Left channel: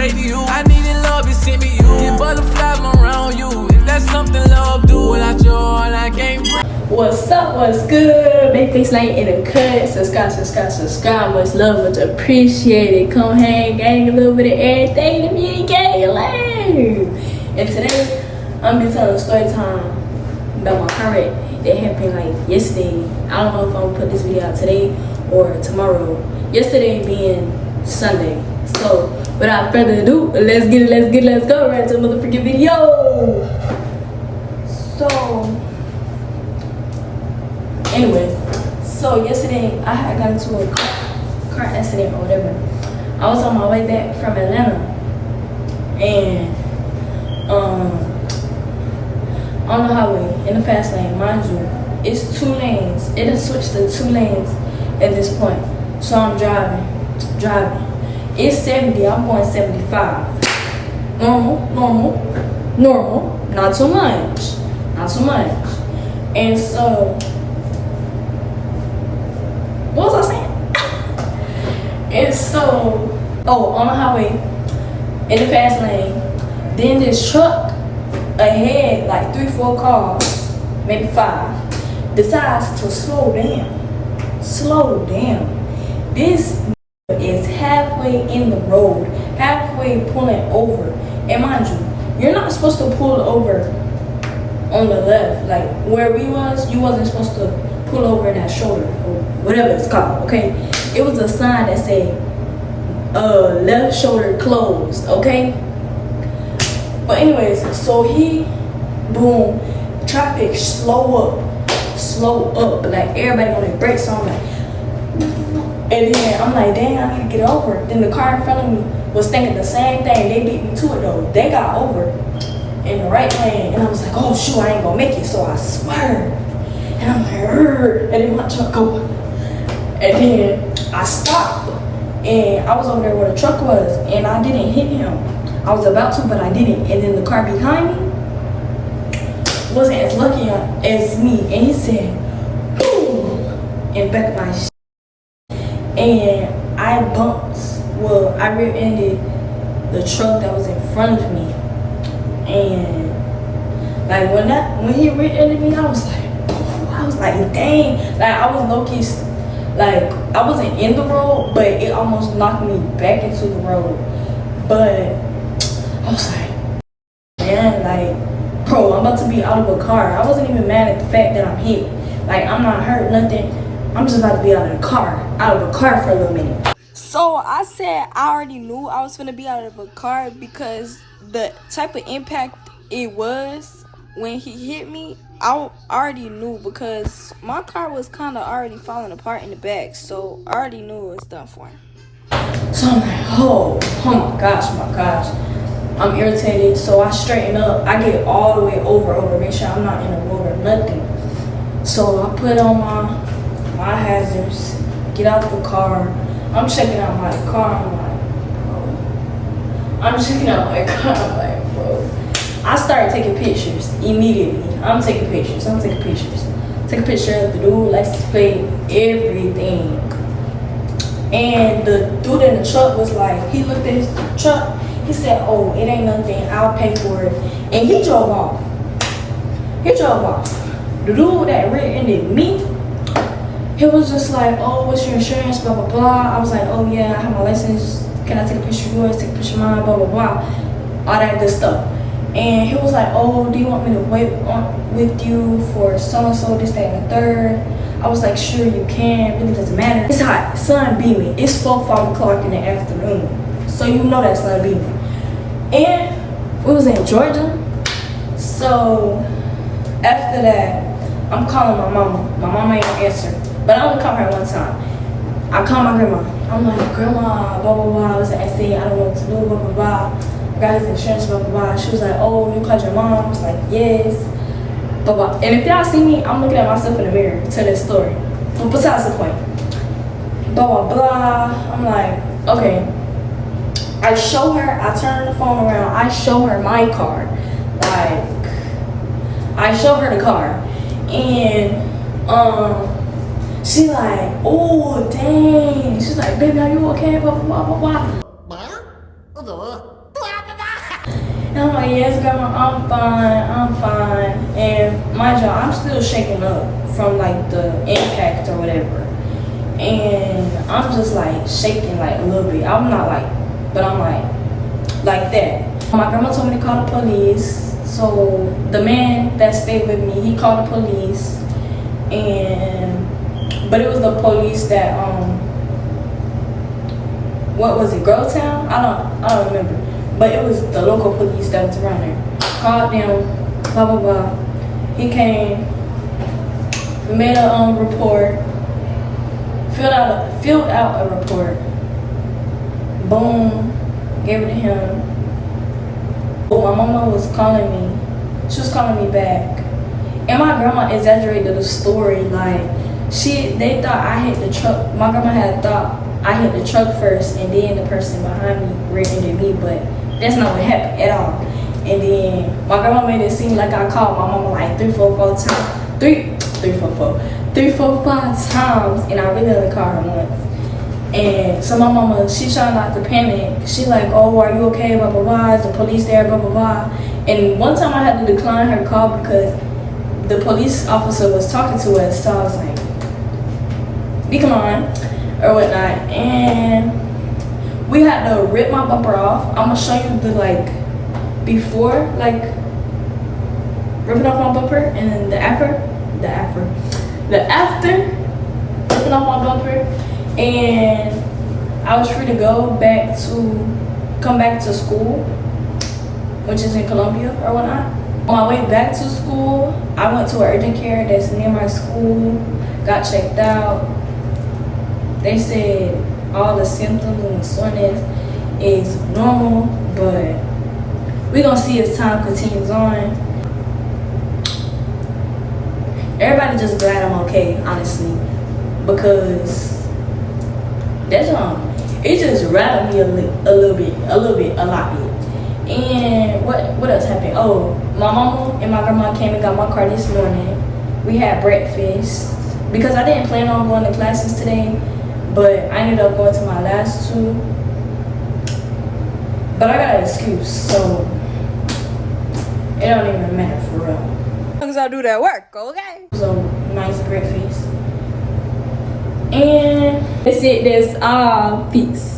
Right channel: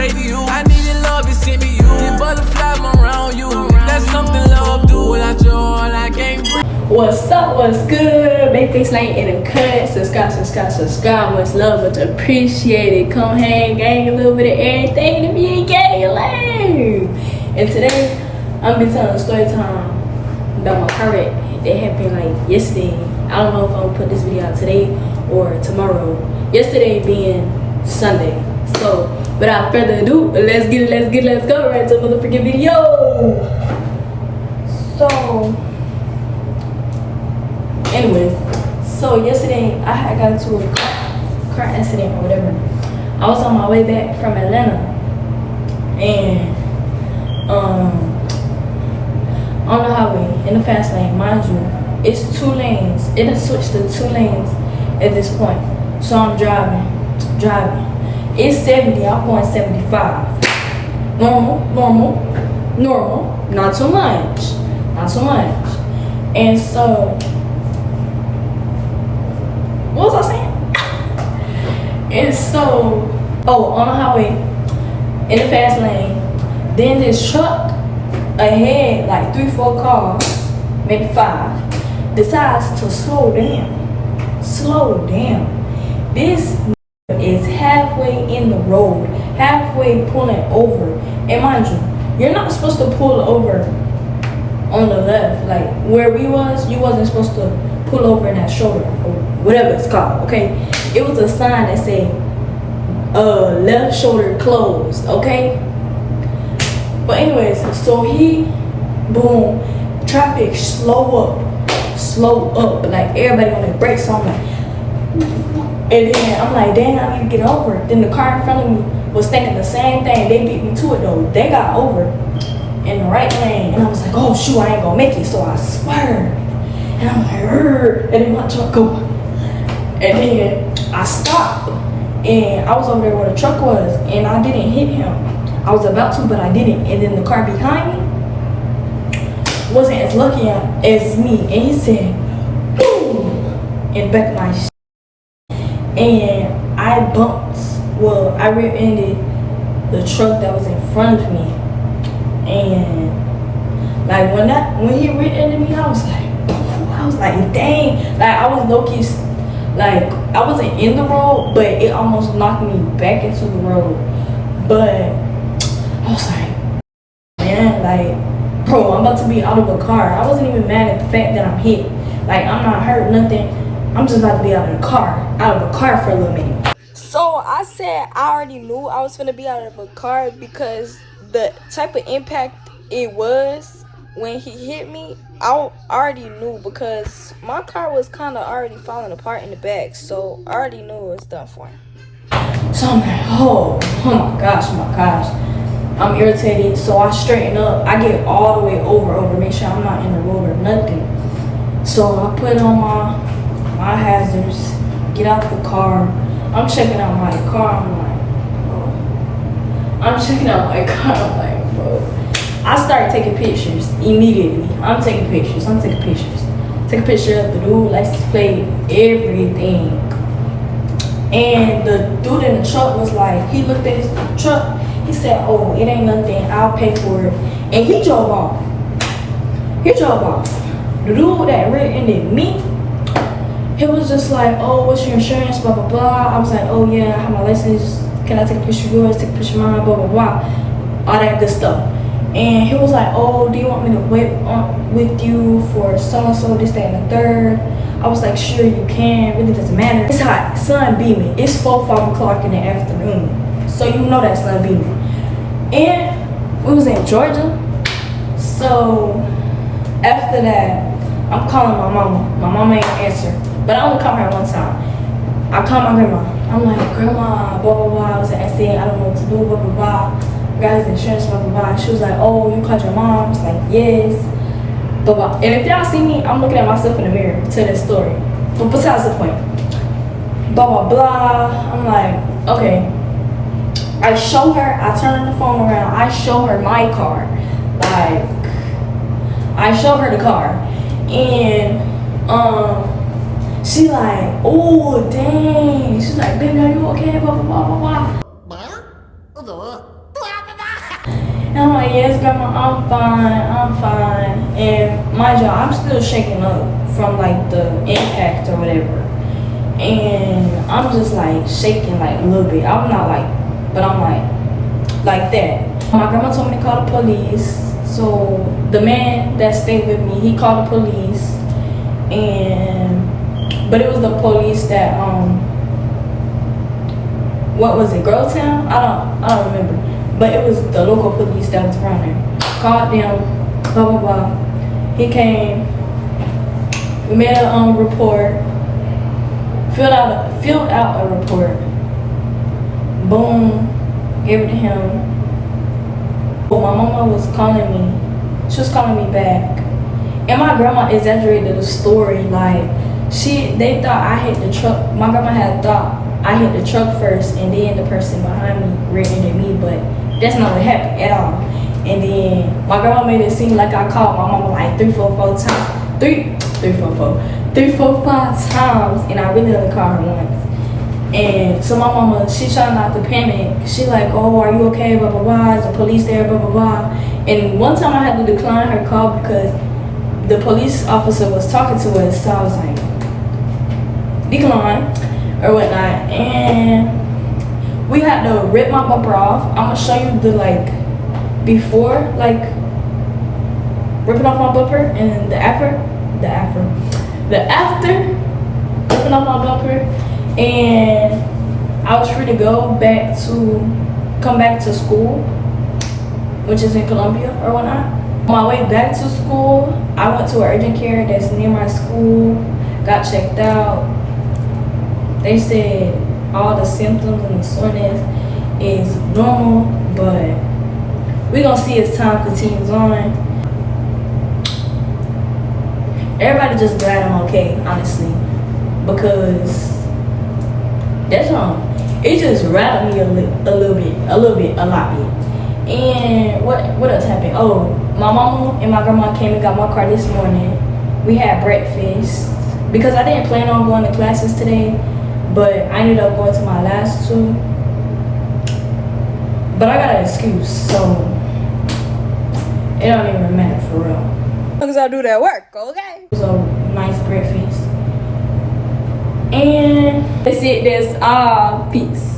straight to you. I needed love, it sent me you. Get butterflies around you. If that's something love do, without your heart I can't breathe. What's up, what's good? Make this night in a cut. Subscribe. What's love, what's appreciated. Come hang, gang, a little bit of everything to be gang lame. And today, I'm gonna be telling a story time about my car wreck that happened like yesterday. I don't know if I'm gonna put this video out today or tomorrow. Yesterday being Sunday. So, without further ado, let's go right to the motherfucking video. So, anyways, so yesterday I had got into a car accident or whatever. I was on my way back from Atlanta, and on the highway in the fast lane, mind you, it's 2 lanes. It has switched to 2 lanes at this point. So I'm driving. It's 70. I'm going 75. Normal. Not too much. And so, what was I saying? And so, on the highway, in the fast lane, then this truck ahead, like 3-4 cars, maybe 5, decides to slow down. This is halfway in the road, halfway pulling over. And mind you, you're not supposed to pull over on the left, like where we was. You wasn't supposed to pull over in that shoulder or whatever it's called, okay? It was a sign that said left shoulder closed, okay? But anyways, so boom, traffic slow up, like everybody on their brakes on me. And then I'm like, dang, I need to get over. Then the car in front of me was thinking the same thing. They beat me to it though. They got over in the right lane, and I was like, oh shoot, I ain't gonna make it. So I swerved, and I'm like, and then my truck go, and then I stopped, and I was over there where the truck was, and I didn't hit him. I was about to, but I didn't. And then the car behind me wasn't as lucky as me, and he said, boom, in the back of my shit. And I rear-ended the truck that was in front of me. And like when he rear-ended me, I was like, dang. Like I was low-key, like I wasn't in the road, but it almost knocked me back into the road. But I was like, man, like, bro, I'm about to be out of a car. I wasn't even mad at the fact that I'm hit. Like, I'm not hurt, nothing. I'm just about to be out of a car for a little minute. So I said I already knew I was gonna be out of a car because the type of impact it was when he hit me, I already knew because my car was kind of already falling apart in the back. So I already knew it was done for him. So I'm like, oh my gosh. I'm irritated, so I straighten up. I get all the way over, make sure I'm not in the road or nothing. So I put on my hazards, get out the car. I'm checking out my car. I'm like, bro. I started taking pictures immediately. I'm taking pictures. Take a picture of the dude, license plate, everything. And the dude in the truck was like, he looked at his truck. He said, oh, it ain't nothing, I'll pay for it. And he drove off. The dude that rear-ended me, he was just like, oh, what's your insurance, blah, blah, blah. I was like, oh, yeah, I have my license. Can I take a picture of yours, take a picture of mine, blah, blah, blah. All that good stuff. And he was like, oh, do you want me to wait with you for so-and-so, this, that, and the third? I was like, sure, you can. Really doesn't matter. It's hot. Sun beaming. It's 4-5 o'clock in the afternoon. So you know that sun beaming. And we was in Georgia. So after that, I'm calling my mama. My mama ain't answer. But I only called her one time. I called my grandma. I'm like, grandma, blah, blah, blah. I was like, I don't know what to do, blah, blah, blah. I got his insurance, blah, blah, blah. She was like, oh, you called your mom? I was like, yes. Blah, blah. And if y'all see me, I'm looking at myself in the mirror to this story. But besides the point. Blah, blah, blah. I'm like, okay. I show her, I turn the phone around, I show her my car. Like, I show her the car. And, she like, oh, dang. She's like, baby, are you okay? Blah, blah, blah, blah, blah. And I'm like, yes, grandma, I'm fine. And mind you, I'm still shaking up from like the impact or whatever. And I'm just like shaking like a little bit. I'm not like, but I'm like that. My grandma told me to call the police. So the man that stayed with me, he called the police. But it was the police that what was it, Grovetown? I don't remember. But it was the local police that was around there. Called them, blah blah blah. He came, we made a report, filled out a report. Boom, gave it to him. But my mama was calling me. She was calling me back. And my grandma exaggerated the story. Like, they thought I hit the truck. My grandma had thought I hit the truck first and then the person behind me rear-ended me, but that's not what happened at all. And then my grandma made it seem like I called my mama like 3, 4, 5 times, and I really only called her once. And so my mama, she trying not to panic. She like, oh, are you okay, blah, blah, blah, is the police there, blah, blah, blah. And one time I had to decline her call because the police officer was talking to us, so I was like, decline, or whatnot. And we had to rip my bumper off. I'm gonna show you the like, before, like, ripping off my bumper, and the after, ripping off my bumper. And I was free to come back to school, which is in Columbia or whatnot. On my way back to school, I went to an urgent care that's near my school, got checked out. They said all the symptoms and the soreness is normal, but we're gonna see as time continues on. Everybody just glad I'm okay, honestly, because that's all. It just rattled me a lot. And what else happened? Oh, my mama and my grandma came and got my car this morning. We had breakfast because I didn't plan on going to classes today, but I ended up going to my last 2. But I got an excuse, so it don't even matter for real. Because I do that work, okay? It was a nice breakfast. And that's it. That's all. Peace.